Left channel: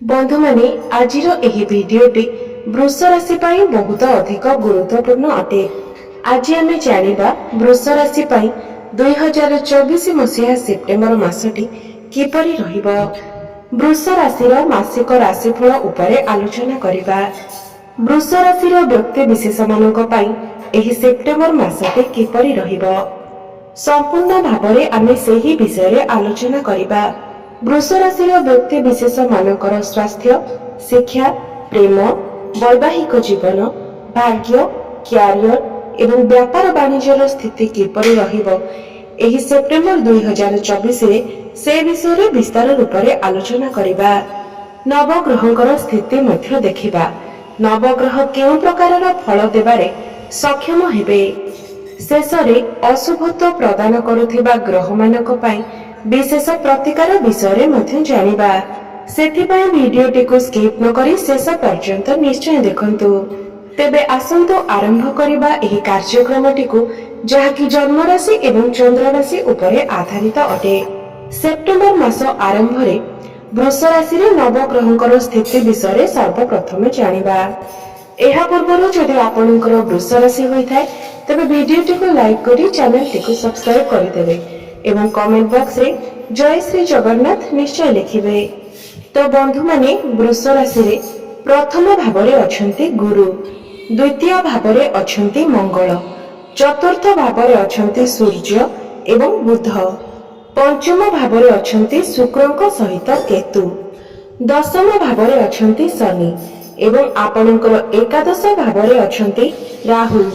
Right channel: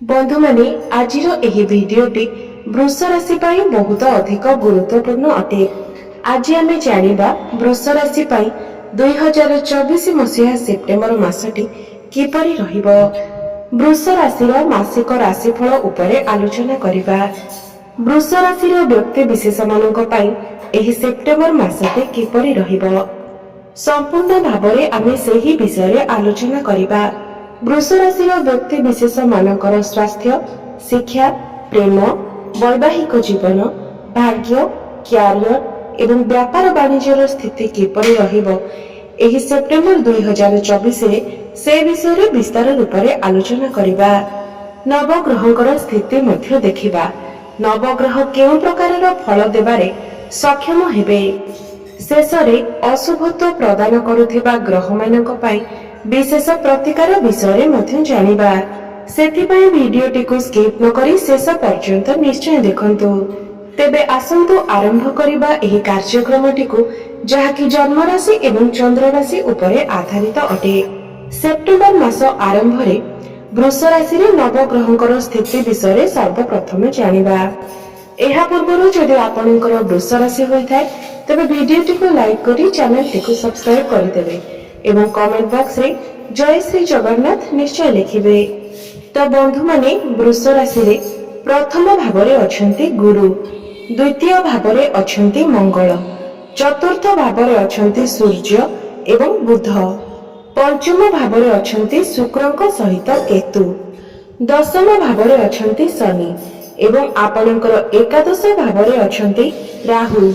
बंधु माने आजिर एही भिडियोटी वृष राशि पाई बहुत अधिक गुरुत्वपूर्ण अटे। आज आमे जानिबा वृष राशि पाई 2024 मसीहा सेप्टेम्बर मासटी किपरि रहिबो। वृष राशिर मासिक राशिफल उपरे आलोचना करिबा। वृष राशिर व्यक्ति विशेष मानक पाई एही सेप्टेम्बर मासटी किपरि रहिबो संपूर्ण भाबरे आमे सेही विषय रे आलोचना करिबा। वृष राशिर व्यक्ति विशेष मानकर स्वास्थ्य, शिक्षा, प्रेम, वैवाहिक जीवन, भाग्य, क्यारियर एवं व्यापार वाणिज्यर स्थिति किपरि रहिबो एही सेप्टेम्बर 2024 रे से विषय रे विस्तार रूप रे आलोचना करिबा। नवग्रहंकर स्थिति मध्य देखिबा। नवग्रह केउं प्रकारर फल देबारे सक्षम हेबे। शेषरे अशुभत्व प्रदान करुथिबा ग्रह मानक पई विशेष प्रतिकार विषय मध्य जानिबा। सेथिपई भिडियोटी को स्किप न करी शेष पर्यंत निश्चय देखंतु। तेबे आसंतु आरंभ करिबा एही कार्यक्रमटी को जहाकी जन्म राशि एवं चंद्र राशि उपरे आधारित अटे। सेप्टेम्बर मास आरंभ रे वृष राशि रे नवग्रहंकर स्थिति विषय सर्वप्रथम जानिबा। एहा पूर्वरु जदि आपणकर वृष राशि होइथाय तबे भिडियोटी को लाइक करी चैनल टी को सब्सक्राइब करि देबे एवं कमेंट बॉक्स रे जय श्री जगन्नाथ निश्चय लिखिबे। तो बंधु माने वृष राशि रे प्रथम भावरे अछंती गुरु, द्वितीय भावरे अछंती मंगल, चतुर्थ भावरे अछंती सूर्य एवं बुध, पंचम भावरे अछंती शुक्रंक सहित केतु, दशम भावरे अछंती शनि एवं आपणकर एकादश भावरे अछंती राहु।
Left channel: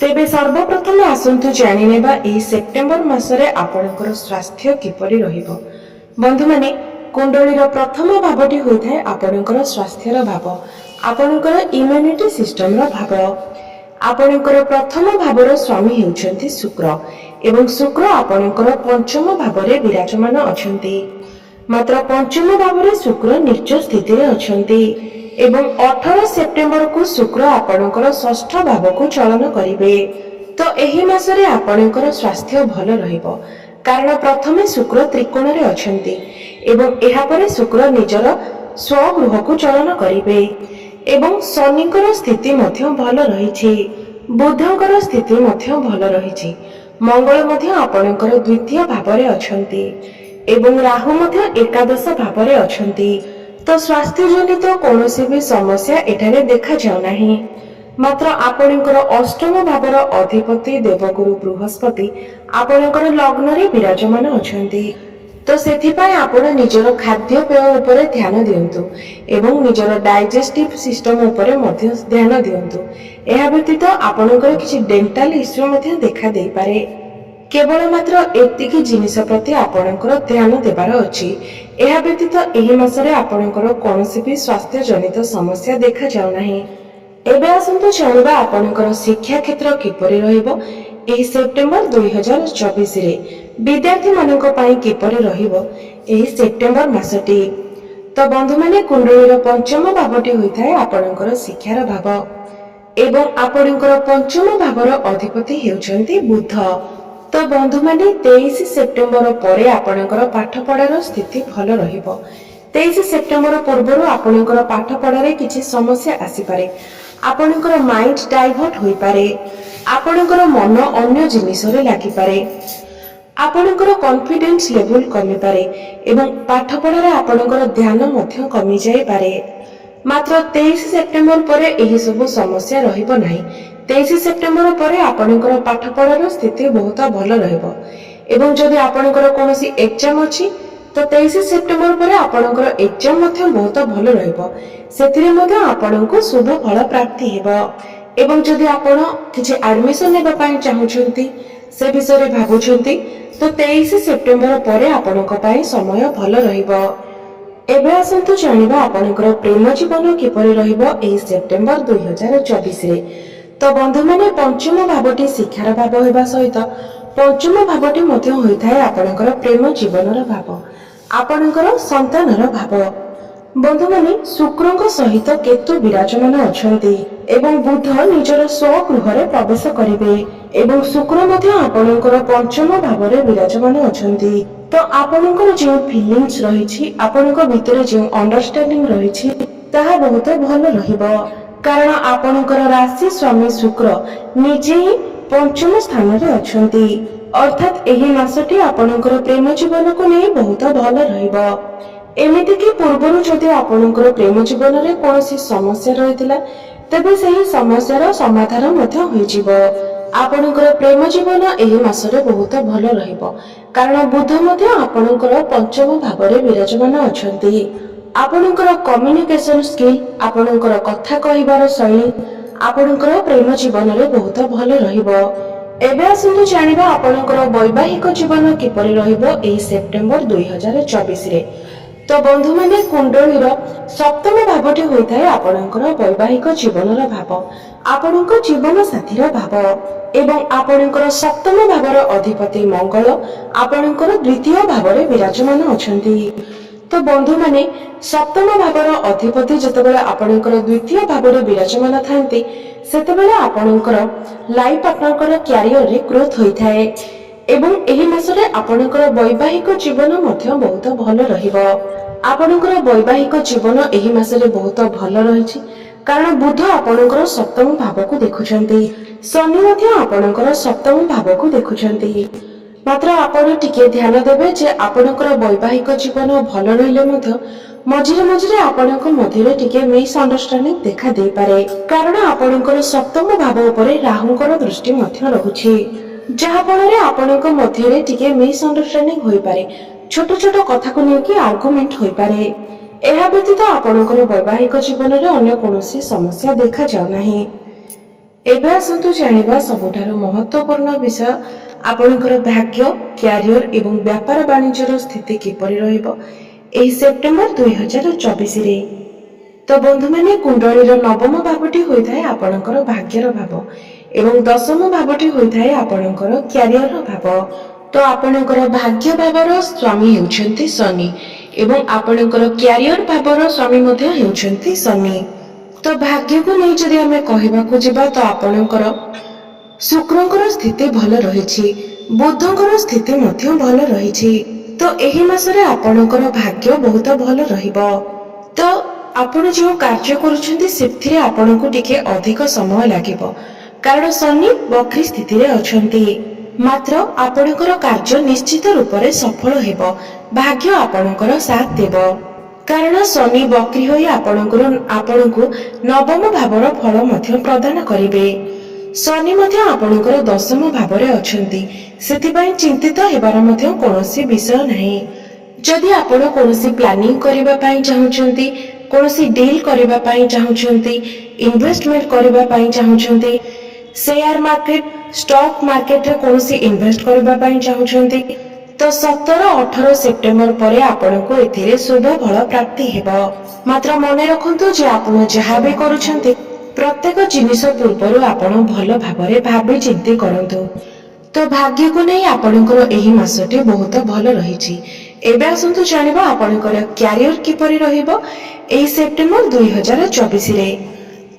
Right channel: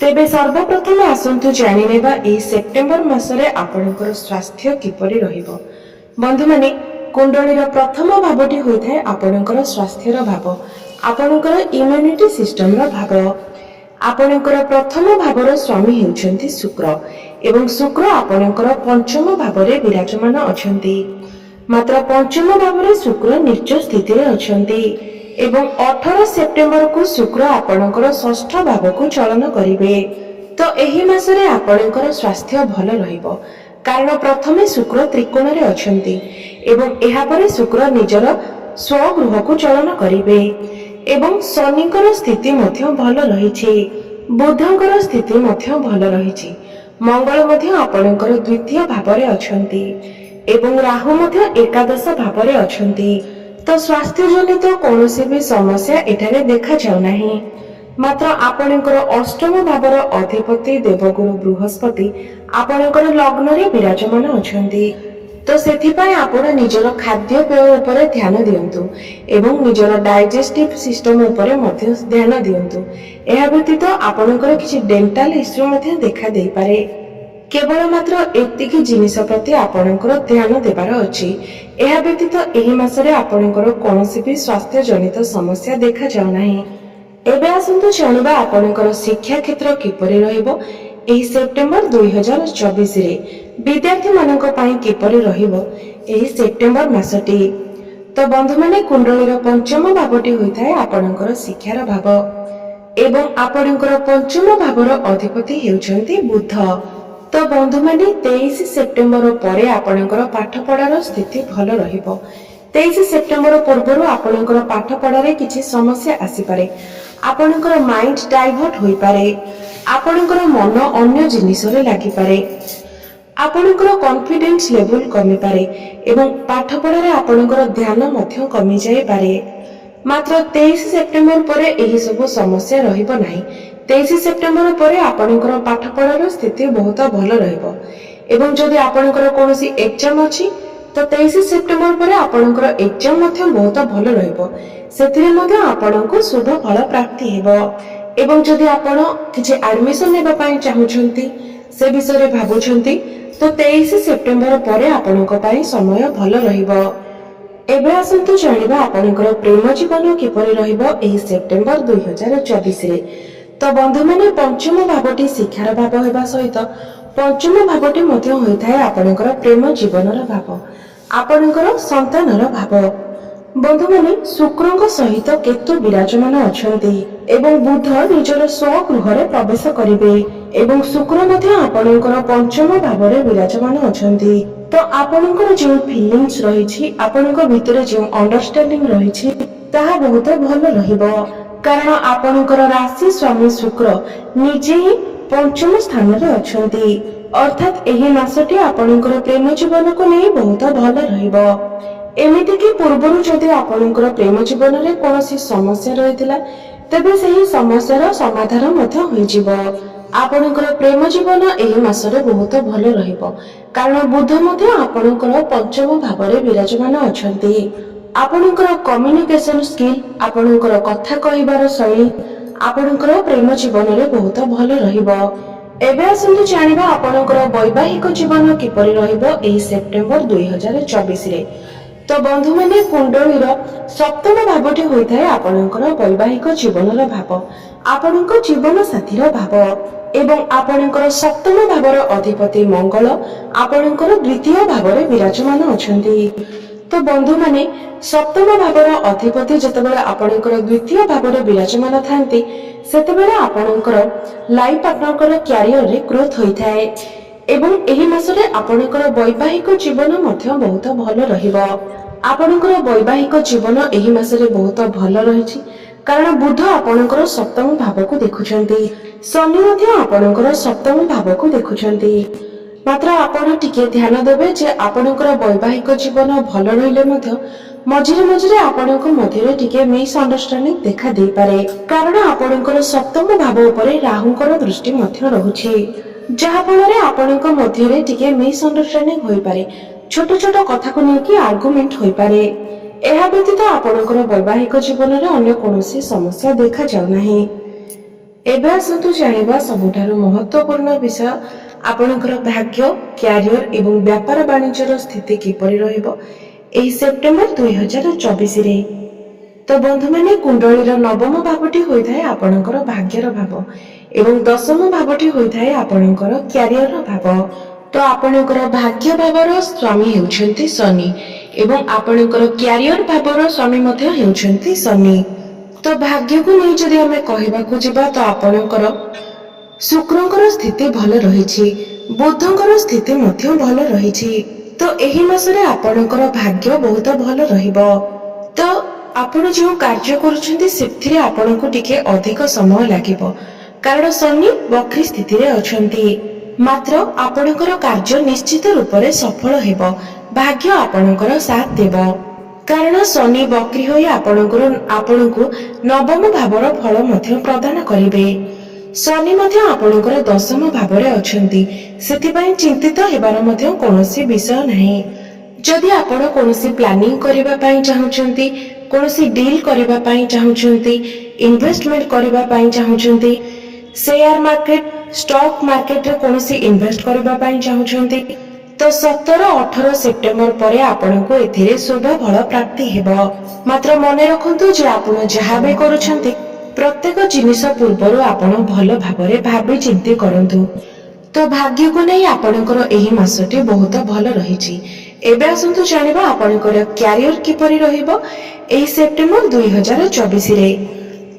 तेबे सर्वप्रथम आसंतु जानि नेबा एही सेप्टेम्बर मासरे आपणकर स्वास्थ्य किपरि रहिबो। बंधु माने कुंडलीर प्रथम भावटी होइथाय आपणकर स्वास्थ्यर भाव, आपणकर इम्युनिटी सिस्टम रो भाव। आपणकर प्रथम भावर स्वामी हेउछंती शुक्र एवं शुक्र आपणकर पंचम भावरे विराजमान अछंती। मात्र पंचम भावरे शुक्र नीच स्थिति रे अछंती एवं 18 सेप्टेम्बर को शुक्र आपणकर षष्ठ भाव को चलन करिवे। तो एही मासरे आपणकर स्वास्थ्य भल रहिबो कारण प्रथमे शुक्र त्रिकोण रे अछंती एवं एहा परे शुक्र निजर स्वगृह को चलन करिवे एवं शनिकर स्थिति मध्य भल रहिछि, बुधंकर स्थिति मध्य भल रहिछि, मंगल मध्य आपणकर द्वितीय भावरे अछंती एवं राहु मध्य एकादश भावरे अछंती। तो स्वास्थ्य जनित कौनसी भी समस्या एठारे देखा जाउ नाही। मात्र आपणकर अष्टम भावर अधिपति देवगुरु बृहस्पति आपणकर लग्न रे विराजमान अछंती। तो सेथिपाई आपण निजर खाद्य पेय उपरे ध्यान दियंतु एवं निजर डाइजेस्टिव सिस्टम उपरे मध्य ध्यान दियंतु। एहा व्यतीत आपणकर किछि डेंटल इश्यू मध्य देखा देई पारे। केवल मात्र एतिकी जिनिस प्रति आपणकर ध्यान देबार अछि। एहा व्यतीत एही मासरे आपणकर कोनोसी भी स्वास्थ्य जनित समस्या देखा जाउ नाही। एबे आसंतु जानिबा आपणकर शिक्षा क्षेत्र किपरि रहिबो एही सेप्टेम्बर 2024 रे विद्यार्थी मानक पई किपरि रहिबो एही सेप्टेम्बर मासटी। तो बंधु माने कुंडलीर पंचम भावटी होइथाय आपणकर शिक्षार भाव एवं आपणकर पंचम भावर अधिपति हेउछंती बुध। तो बंधु माने 23 सेप्टेम्बर परे आपणकर पाठ पढ़ार स्थिति भल रहिबो। 23 सेप्टेम्बर पूर्वरु आपणकर पाठ पढ़ारे किछि समस्या आसी पारे। आपणकर माइंड डाइवर्ट होई पारे, आपणकर मन अन्य जिनिस रे लागि पारे, आपणकर कॉन्फिडेंस लेवल कमी पारे एवं पाठ पढ़ारे आपणकर ध्यान मध्य कमी जाई पारे। मात्र 23 सेप्टेम्बर परे एही सब समस्या रहिबो नाही। 23 सेप्टेम्बर परे आपणकर पाठ पढ़ार स्थिति बहुत भल रहिबो एवं जदि आपणकर कोनोसी एग्जाम अछि तो 23 सेप्टेम्बर परे आपणकर एग्जाम मध्य बहुत भल रहिबो। सेथिरे मध्य आपणको शुभ फल प्राप्ति हेबो एवं जदि आपण किछि एडमिशन लेबा पई चाहुछंती से विषय रे भाबुछंती तो 23 सेप्टेम्बर परे आपणको पई समय भल रहिबो। एबे आसंतु जानिबा आपणकर प्रेम जीवन किपरि रहिबो एही सेप्टेम्बर 2024 रे। तो बंधु माने पंचम भावटी शिक्षार भाव हेबा सहित पंचम भावटी मध्य होइथाय आपणकर प्रेम जीवनर भाव, आपणकर संतानर भाव। बंधु माने शुक्रंक सहित केतु विराजमान अछंती एवं बुध निजर स्वगृह रे प्रवेश करिवे एवं शुक्र मध्य आपणकर पंचम भावरे विराजमान अछंती। तो आपणकर जो फिलिंग्स रही आपणक भितर जो अंडरस्टैंडिंग रही ताहा बहुत भल रहिबो कारण आपणकर राशि स्वामी शुक्र निजे ही पंचम स्थान रे अछंती अर्थात एही मासटी आपणकर प्रेम जीवन को नहीं बहुत भल रहिबो। एमिति कि पूर्वरु जदि आपणकर प्रेम जीवन रे कोनोसी समस्या रहितिला तेबे सेही समस्यार समाधान मध्य होई जिवो। आपणकर प्रेम जीवन एही मासरे बहुत भल रहिबो कारण बुध मध्य आपणकर पंचम भावरे विराजमान अछंती। आपणकर कम्युनिकेशन स्किल आपणकर कथा कहिबार शैली आपणकर प्रेम जीवन रे बहुत भल रहिबो। एबे आसंतु जानिबा आपणकर वैवाहिक जीवन किपरि रहिबो एही सेप्टेम्बर 2024 रे। तो बंधु माने कुंडलीर सप्तम भावटी होइथाय आपणकर वैवाहिक जीवनर भाव आपणकर जीवन साथीर भाव एवं आपणकर सप्तम भावर अधिपति मंगल आपणकर द्वितीय भावरे विराजमान अछंती। तो बंधु माने सप्तम भावर अधिपति जतबेले आपणकर द्वितीय भावरे विराजमान थांती सेतबेले आपणकर लाइफ पार्टनरकर कैरियर रे ग्रोथ होइथाय एवं एही मासरे आपणकर वैवाहिक जीवन मध्य बहुत भल रहिबो। आपणकर वैवाहिक जीवन एही मासरे बहुत भल रहिछि कारण बुध आपणकर सप्तम भाव को देखुछंती शनि मध्य आपणकर सप्तम भाव को देखुछंती। मात्र आपण टिके ध्यान देबे जे आपणकर वैवाहिक जीवन भल रहिले मध्य मझिरे मझिरे आपणक मध्यरे टिके मिस अंडरस्टैंडिंग देखा दे पारे कारण आपणकर सप्तम भाव उपरे राहुंकर दृष्टि मध्य रहुछि जहा फଳରେ आपणक मध्यरे टिके मिस अंडरस्टैंडिंग होई पारे छोट छोट कथा को नेकी आर्गुमेंट होई पारे। एहा व्यतीत आपणकर वैवाहिक जीवन रे अन्य कोनोसी समस्या देखा जाउ नाही। एबे आसंतु जानिबा सबुठारु महत्वपूर्ण विषय आपणकर भाग्य कैरियर एवं व्यापार वाणिज्यर स्थिति किपरि रहिबो एही सेप्टेम्बर 2024 रे। तो बंधु माने कुंडलीर नवम भावटी होइथाय आपणकर भाग्यर भाव एवं दशम भावटी होइथाय आपणकर कैरियर भाव। तो आपणकर भाग्य भावर स्वामी हेउछंती शनि एवं आपणकर कैरियर भावर स्वामी मध्य हेउछंती शनि। तो भाग्य को नै जदि हमें कहबाकू जिबा तो आपणकर शुक्रंकर स्थिति भल रहिछि बुधंकर स्थिति मध्य भल रहिछि। तो एही मासरे आपणकर भाग्य बहुत भल रहिबो। तो आपण जो कार्य करूछंती सेथिरे आपणको टिके अधिक समय लागिबो कारण शनि वक्री स्थिति रे अछंती मात्र आपणकर कार्य निश्चित रूप रे सफल हेबो भाग्य आपणकर साथ देबो कारण शनि वक्री होई आपणको नवम भावर फल मध्य प्रदान करिवे। शनि मध्य आपणकर दशम भावरे अछंती सेथिबाई चिंतित हेबार मध्य कोनोसी विषय नाही। जदि आपण कोनोसी प्लानिंग करिबा पई चाहुचंती कोनोसी डील करिबा पई चाहुचंती इन्वेस्टमेंट करिबा पई चाहुचंती शेयर मार्केट स्टॉक मार्केट रे कोनोसी इन्वेस्ट करिबा पई चाहुचंती तो 17-18 सेप्टेम्बर परे आपणको एथिरे शुभ फल प्राप्ति हेबो। मात्र मने रखंतु जे आपण जहा भी करूछंती प्रत्येक जिनिस पूर्वरु आपण भल भाबरे भाबी चिंती करंतु। तो भाग्य को नहीं आपणकर एही मासटी बहुत भल रहिछि। एबे आसंतु जानिबा आपणकर कैरियर किपरि रहिबो एही सेप्टेम्बर 2024 रे।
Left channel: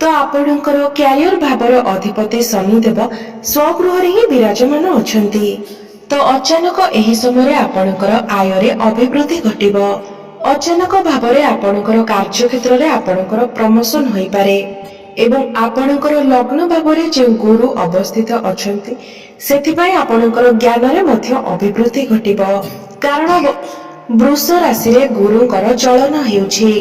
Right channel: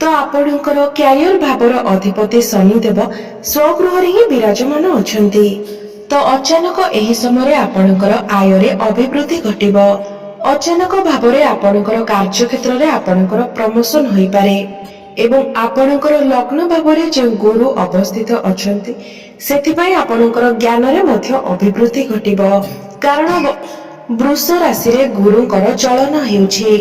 तो आपणकर कैरियर भावर अधिपति शनिदेव स्वगृह रे ही विराजमान अछंती। तो अचानक एही समय आपणकर आय रे अभिवृद्धि घटिबो। अचानक भावरे आपणकर कार्य क्षेत्र रे आपणकर प्रमोशन होई पारे एवं आपणकर लग्न भावरे जे गुरु अवस्थित अछंती सेथिबाई आपणकर ज्ञान रे मध्य अभिवृद्धि घटिबो कारण वृष राशि रे गुरुंकर चलन हेउछि।